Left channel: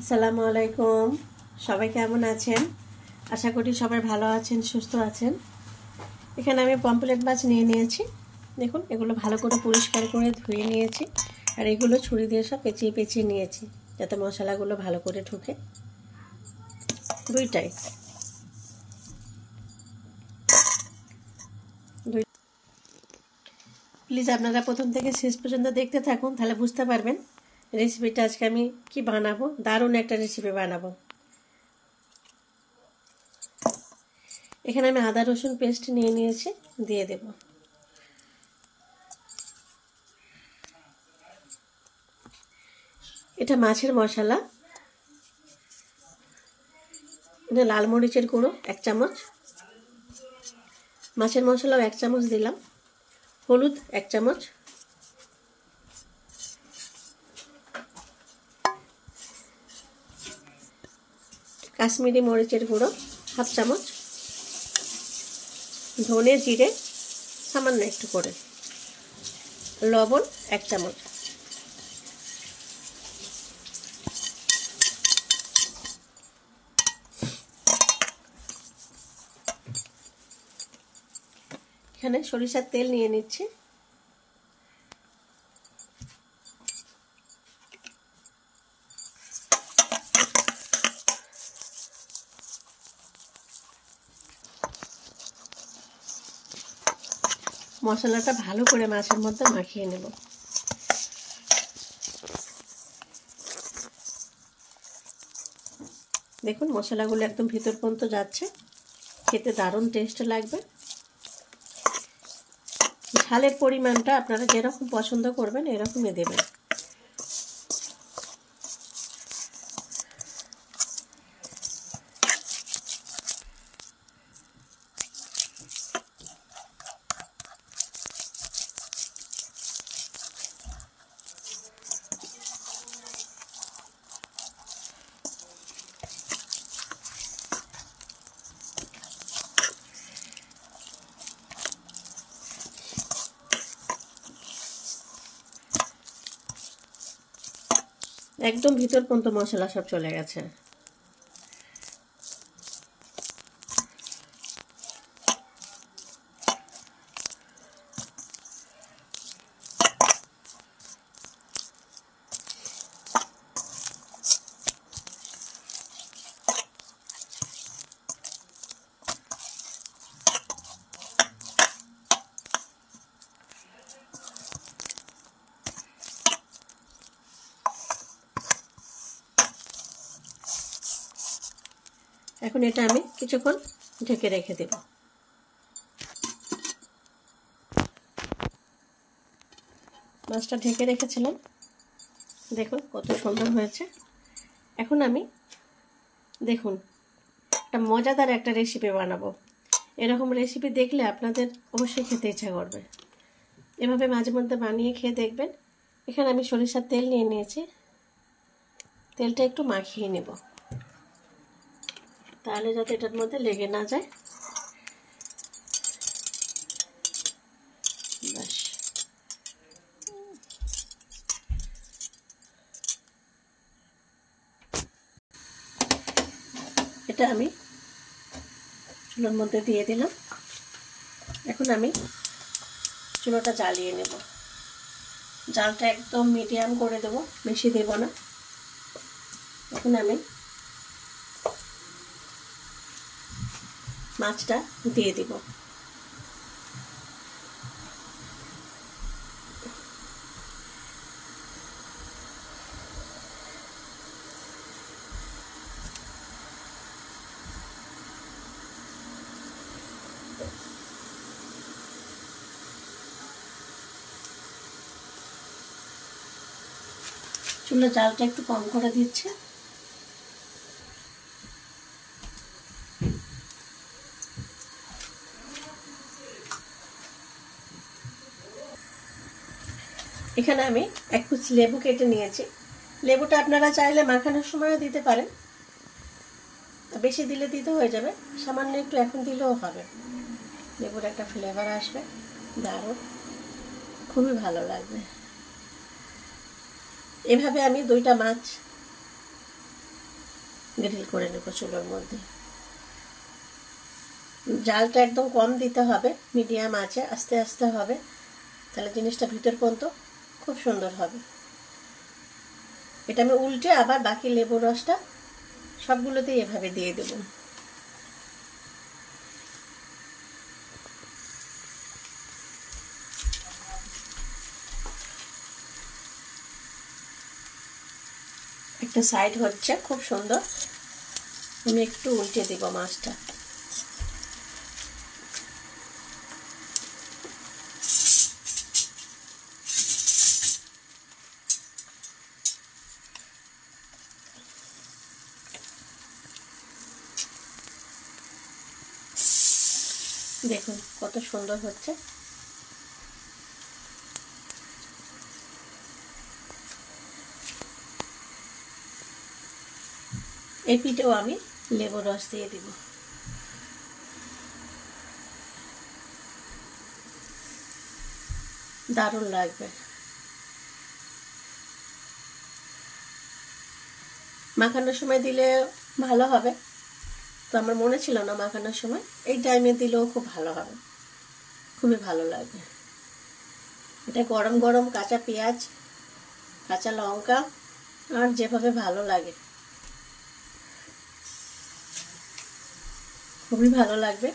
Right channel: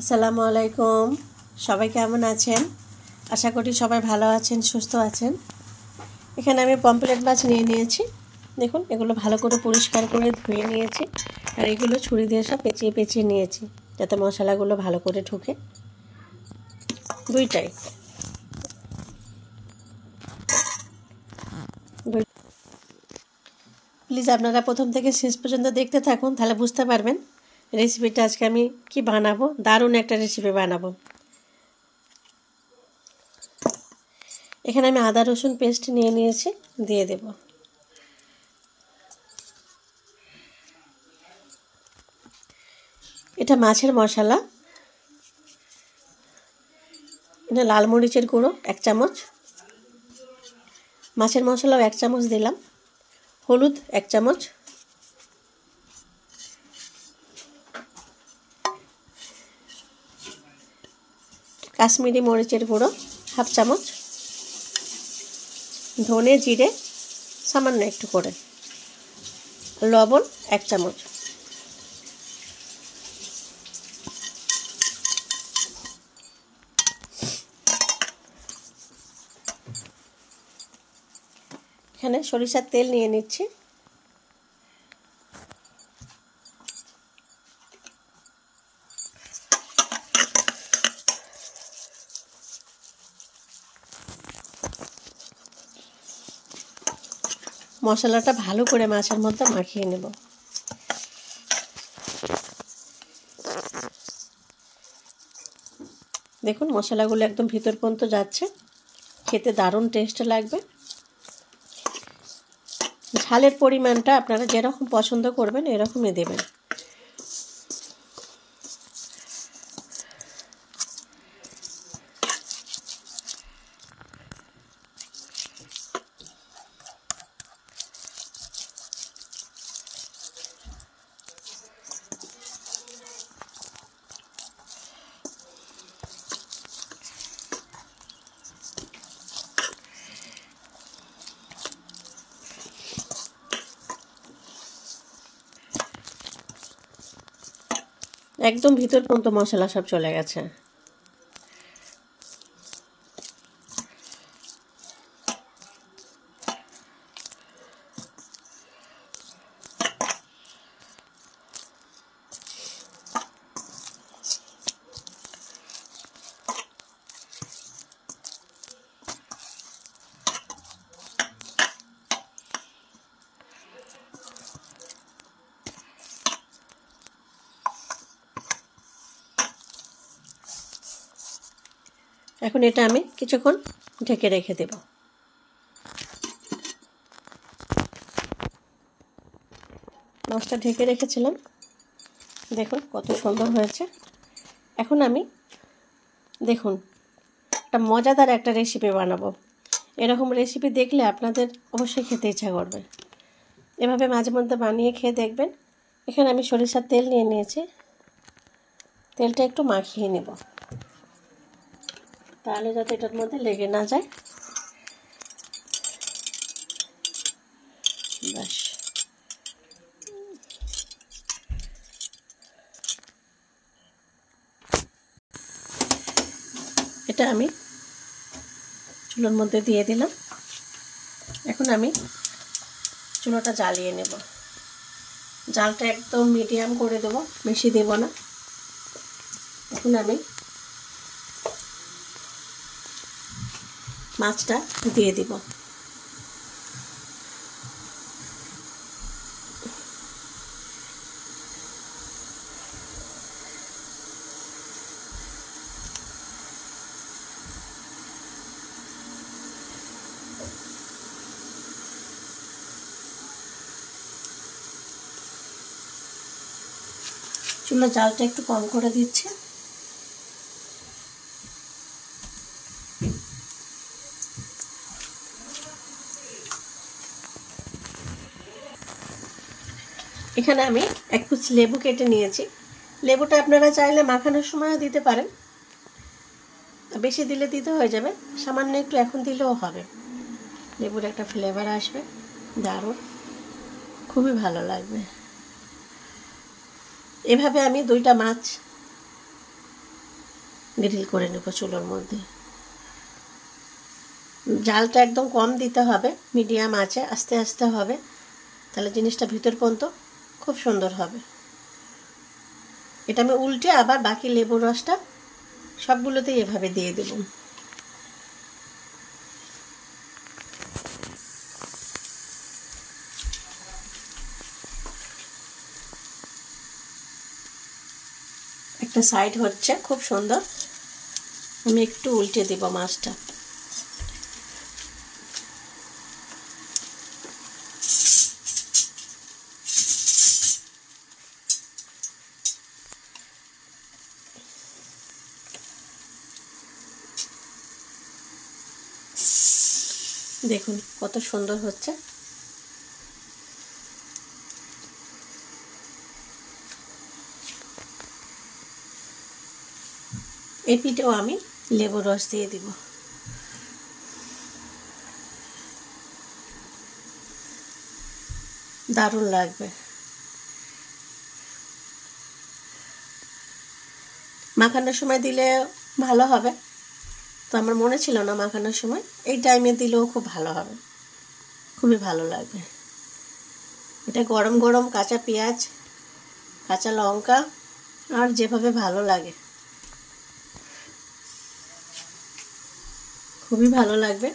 আসসালামু আলাইকুম। সবাই কেমন আছেন? আশা করি সবাই ভালো আছেন, সুস্থ আছেন। এখানে আমি পমফ্রেট মাছ নিয়ে নিয়েছি। দেখুন, এগুলো ভালো করে পরিষ্কার করে ধুয়ে নিয়েছি, আর এগুলো ছুরি দিয়ে সব পেঁচিয়ে পেঁচিয়ে নিয়েছি যাতে মশলাগুলো ভালো করে ঢুকে। দুইটাই প্লিজ আপনারা প্রথম থেকে শেষ পর্যন্ত দেখতে থাকুন, তাহলে বুঝতে পারবেন রেসিপিটা আজকে আমি কি বানাবো। দারুণ একটা রেসিপি বানাবো। এখানে আমি আদা রসুন পেস্ট নিয়ে নিয়েছি, দিয়ে দেব। এটা মাছের মশলা। এটা লাল মরিচের গুঁড়ো 1 চামচ, মাছের মশলাও 1 চামচ দিলাম, হলুদ 1 চামচ, কাশ্মীরি মরিচের গুঁড়ো 1/2 চামচ, ধনে জিরে সামান্য একটু করে, লবণ 1 চামচ। এখানে সরিষার তেল নিয়ে নিচ্ছি। মশলাটা ভালো করে মাছের মধ্যে মাখিয়ে নেব। দেখুন, মশলাগুলো একদম ভিতর পর্যন্ত যাচ্ছে, খেতে দারুণ টেস্ট লাগবে। ঝালের পরিমাণটা আপনারা যেরকম পছন্দ করবেন এরকমই দেবেন। একদম ভিতর পর্যন্ত মশলা সব চলে গেছে। এখন এটা আমি কিছুক্ষণ ঢেকে রেখে দেব। মাছটা ঢেকে রেখেছিলাম, দেখুন কত সুন্দর হয়েছে। এখন আমি দেখুন একটা মজাদার একটা রেসিপি বানাবো। এরকম রেসিপি দেখলে আপনাদের অবশ্যই খেতে ইচ্ছা করবে। এভাবে মাঝে মধ্যে বানিয়ে খেয়ে দেখবেন। এখানে আমি সরিষার তেল নিয়ে নিয়েছি, তেলটা একটু মাখিয়ে নেব, তাহলে যাতে এটার মধ্যে লেগে না যায়। ব্যাস, এটা আমি চুলোর মধ্যে দিয়ে দিলাম। এখন আমি চুলোটা জ্বালিয়ে নেব। জালটা একদম মিডিয়াম করে দেব, বেশি দেব না। এখন আমি মাছটা দিয়ে দিব। চুলার জালটা একটু কম করে দিচ্ছি। এখানে আমি 1 পিস লেবু কেটে নিয়েছি। লেবুটা আপনারা চাইলে মাখানোর সময়ও দিতে পারেন, বেশি দিলে দিতে হয়ে যাবে, সামান্য একটু এখন দিলেও হবে। লেবুর একটা ফ্লেভার আসবে, দারুণ, খুবই ভালো লাগবে। এভাবে আমি 2টা মাছ গ্রিল করে নেব চুলোর মধ্যে। জালটা একদম কম দিতে হবে, মিডিয়াম আছে, আস্তে আস্তে হবে, তাহলে জিনিসটা ভিতর পর্যন্ত খুব সুন্দর হবে। এটা আমি উল্টে আবার বাকি লেবুর রসটা সবগুলোতেই এভাবে দিয়ে দেব। একটা সাইড হচ্ছে খুব সুন্দর, আমি একটু উল্টে দেব মাছটা। দেখুন কত সুন্দর হচ্ছে। এই পিঠেও আমি লেবুর রস দিয়ে দিব। দারুণ লাগবে। মাখানোর সময় দিলে ভালো হবে, তো আমার মনে ছিল না মাখানোর সময়, এই টাইমে দিলেও খুব ভালো হবে, খুবই ভালো লাগবে। এটা গরম গরম কাঁচা পেঁয়াজ, কাঁচা লঙ্কা, আর যেভাবে ভালো লাগে, খুবই ভালো লাগবে।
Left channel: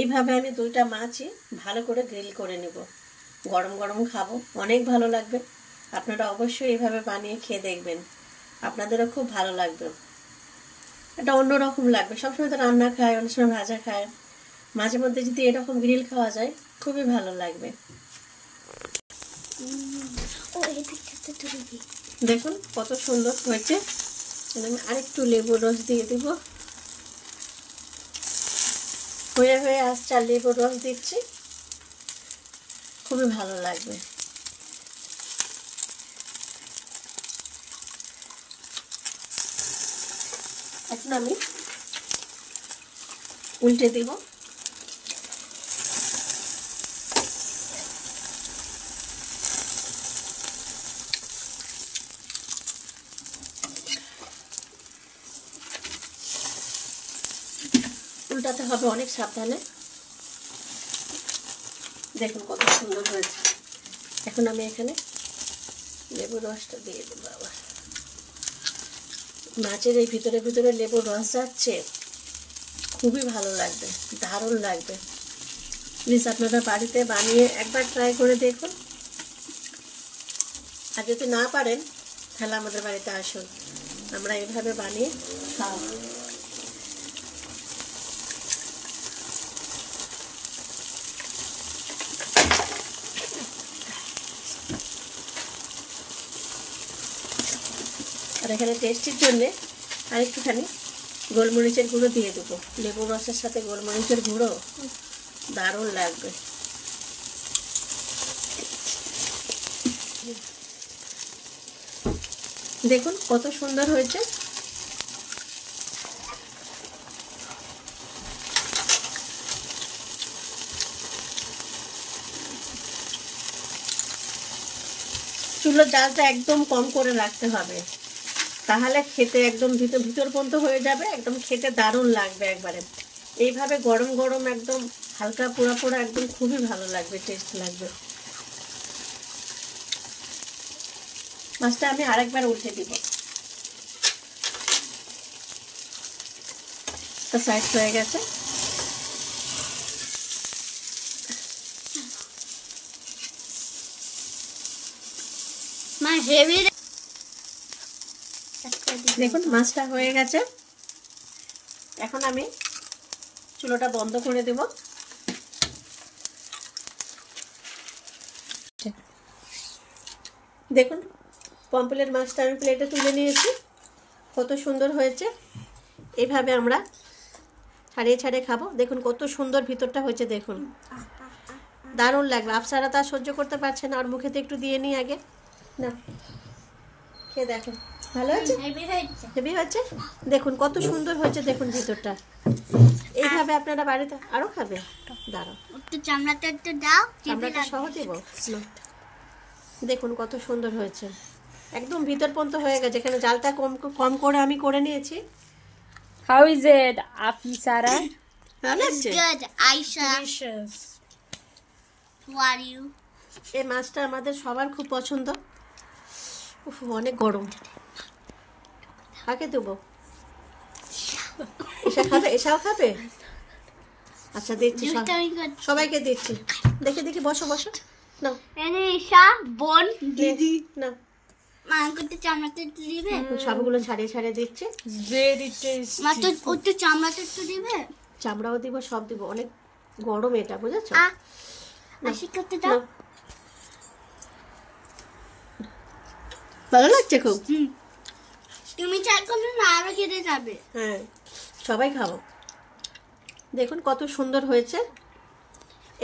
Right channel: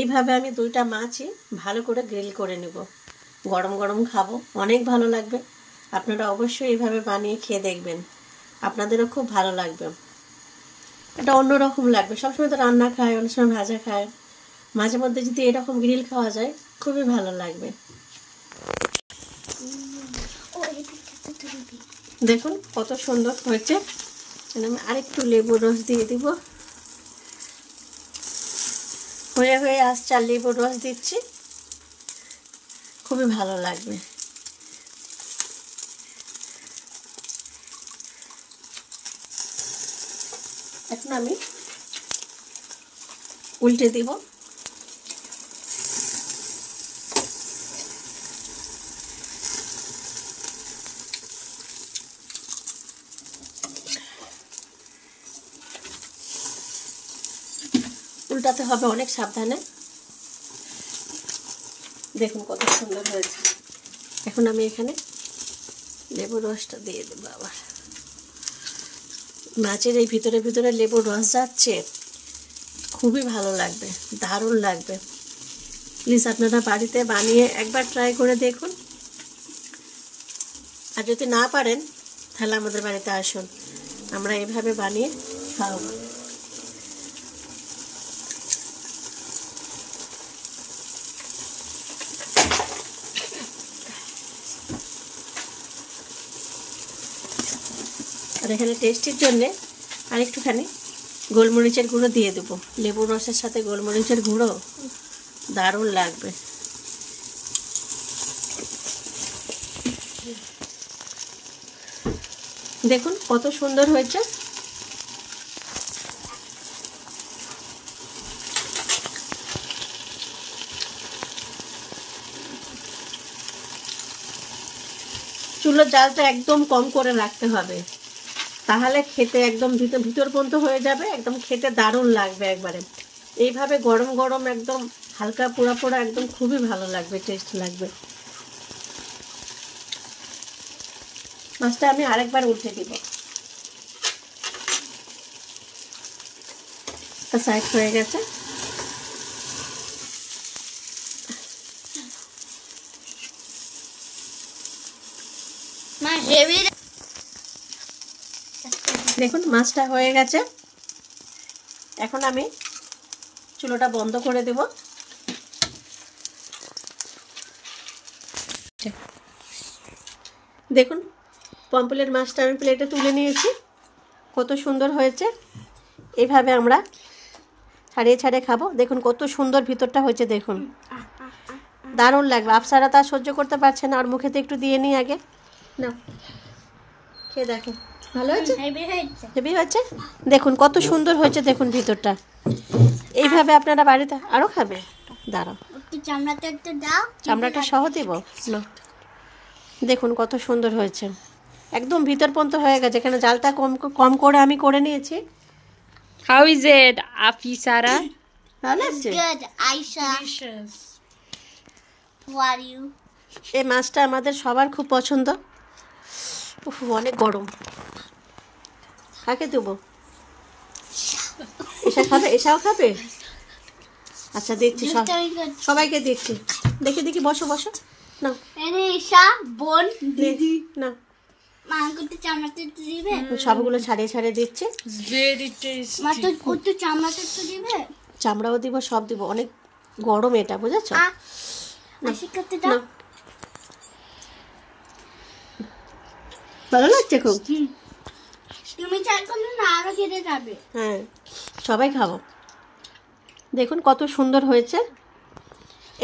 এইভাবে আমি দুইটা মাছই ভালো করে গ্রিল করে নেব, গরম গরম খাবো, অনেক ভালো লাগবে। আপনারা অবশ্যই এইভাবে বানিয়ে খেয়ে দেখবেন, আপনাদেরও খুব ভালো লাগবে। এটা অন্যরকম লাগবে, সবসময় তো রান্না খায়, অনেক সময় ভাজা খায়, মাঝে মধ্যে যদি এরকম গ্রিল খাওয়া যায় খুবই ভালো লাগবে। দেখুন কত সুন্দর হয়েছে। আমি আরেকটু লেবুর রস দিয়ে দিব। হয়ে হয়ে আসছে, আর লেবুর রস দিচ্ছি, খুবই ভালো লাগবে। এখন আমি উল্টে দিব। উল্টাতে হবে অনেক সাবধানে। দেখুন কত সুন্দর হয়েছে। এখন আমি এখানে লেবুর রসটা দিয়ে দেবো। আবার মাছের এই ভিতরে ভিতরে লেবুর রস যাচ্ছে, খুবই ভালো লাগবে, দারুণ লাগবে। প্লিজ আপনারা বাড়িতে বানিয়ে একবার ট্রাই করে দেখুন, আর যদি না পারেন তাহলে আমাদের বাড়িতে আসুন, আমরা এভাবে বানিয়ে খাওয়াবো। আর এখানে টেস্টের জন্যে আরেকটুখানি গোলমরিচের গুঁড়ো দিয়ে দেবো। লেবুর রসের সাথে গোলমরিচের গুঁড়ো দারুণ লাগবে। দেখুন কত সুন্দর হয়েছে। চুলোর জালটা একদম কম করে রাখতে হবে, তাহলে খেতে একদম ভিতর পর্যন্ত হয়ে যাবে, একদম খেতে দারুণ লাগবে একবারে। এইভাবে গরম গরম একদম হালকা পোড়া পোড়া একদম খুবই ভালো লাগবে, টেস্ট লাগবে। মাছটা আমি আরেকবার উল্টে দিব। সাইড হয়ে গেছে। দেখুন মাছটা হয়ে গেছে। এখন আমি চুলোটা বন্ধ করে দেব। দেখুন পম্পলের মাছটা আমি প্লেটে তুলে নিয়েছি, কত সুন্দর হয়েছে। এইভাবে আমরা ছাড়িয়ে ছাড়িয়ে খাবো। দেখুন কত সুন্দর ভিতরটা হয়েছে, দেখুন দারুণ লাগবে। আফসারা তা সহ্য করতে পারছে না, আর মুখেতে একটু দিয়ে নিই আগে। না খেয়ে দেখুন, ভালো হয়েছে, হেভি হয়েছে। দেখুন কত সুন্দর হয়েছে, দেখুন ভিতরটা। এইভাবে আপনারা বাড়িতে আরও খাবে। দাঁড়াও, একটু চামড়াটা একটু দাও। চামড়াটা সহ দেব না। দেখুন কত সুন্দর হয়েছে, একদম ভিতর পর্যন্ত হয়ে গেছে। এখানে জালটা কম কম করে আমি করে নিয়েছি। How is it, Afisara? ভালো It's আছে। good, Aisha. Delicious. Who are you? এই মাছটা আমাদের সবার খুব পছন্দ। উফ, অনেক গরম। কাকে দেবো? এসা খাবে? এসাও খাবে? আচ্ছা দিচ্ছি, Just coming good. সবাইকে দিচ্ছি। দেখি দেখি, বসো বসো। না এনে ঈশা, বোন, দিদি না, মাকে একটু চামড়াটা একটু দিবে? সবগুলো ছাড়িয়ে ছাড়িয়ে দিচ্ছি। Very tasty. মা তো একটু চামড়াটা একটু দিবে? চামড়াও দিব, সব দিব। অনেক গরম এটা, বুঝেছো? আশিকাতে না। দাও। ভালো লাগছে খুব। তুমি চাই করলে না আরো খেতে যাবে। হ্যাঁ, সবাই খাবো। দেখুন কত সুন্দর হয়েছে।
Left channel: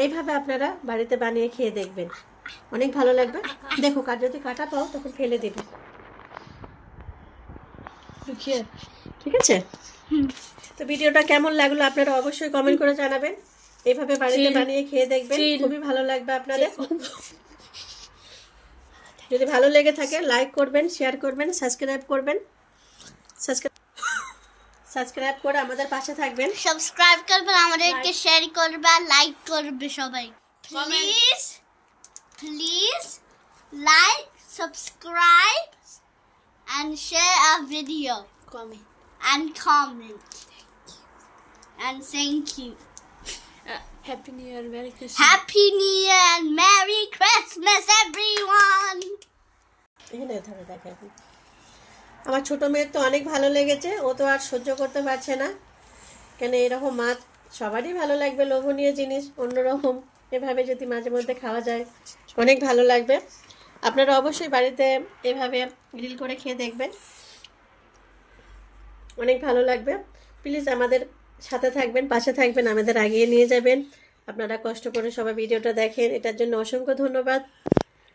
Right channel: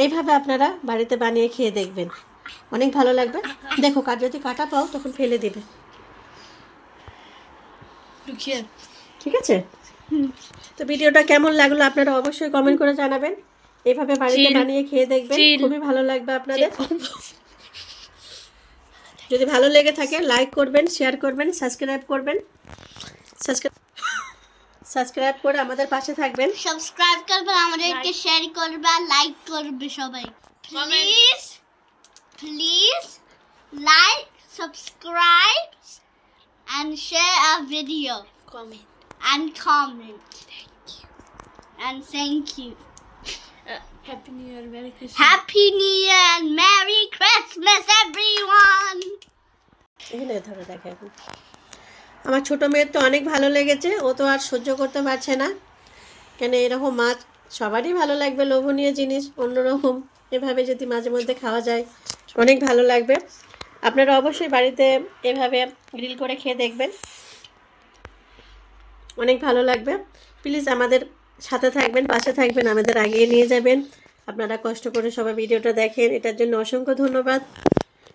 এইভাবে আপনারা বাড়িতে বানিয়ে খেয়ে দেখবেন, অনেক ভালো লাগবে। দেখো, যদি কাটা পাও তখন ফেলে দেবে, Look here. ঠিক আছে? তো ভিডিওটা কেমন লাগলো আপনারা অবশ্যই কমেন্ট করে জানাবেন। এইভাবে বাড়িতে চিল। বানিয়ে খেয়ে দেখবেন, চিল। খুবই ভালো লাগবে আপনাদের। যদি ভালো লেগে থাকে লাইক করবেন, শেয়ার করবেন, সাবস্ক্রাইব করবেন। সাবস্ক্রাইব করে আমাদের পাশে থাকবেন। সাবস্ক্রাইব করবে, আমাদেরকে শেয়ার করবে আর লাইক করবে সবাই। Please please like, subscribe and share our video Comment. and comment. And thank you. Happy New Year. Merry Christmas. Happy New Year and Merry Christmas, everyone. এখানে ধরে দেখে এখন। আমার ছোট মেয়ের তো অনেক ভালো লেগেছে, ও তো আর সহ্য করতে পারছে না। কেন এরকম মাছ সবারই ভালো লাগবে, লোভনীয় জিনিস, অন্যরকম এভাবে যদি মাঝে মধ্যে খাওয়া যায় অনেক ভালো লাগবে। আপনারা অবশ্যই বাড়িতে এভাবে গ্রিল করে খেয়ে দেখবেন, অনেক ভালো লাগবে। প্লিজ আমাদের সাথে থাকবেন, পাশে থাকবেন, আমাদের এগিয়ে নিয়ে যাবেন। আপনারা কষ্ট করে সবাই ভিডিওটা দেখেন, এটার জন্য অসংখ্য ধন্যবাদ।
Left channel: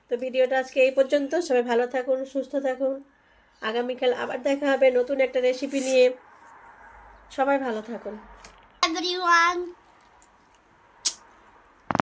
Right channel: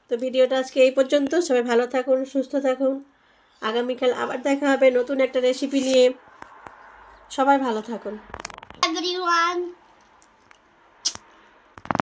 তো ভিডিওটা আজকে এই পর্যন্ত। সবাই ভালো থাকুন, সুস্থ থাকুন। আগামীকাল আবার দেখা হবে নতুন একটা রেসিপি নিয়ে। সবাই ভালো থাকুন। Everyone.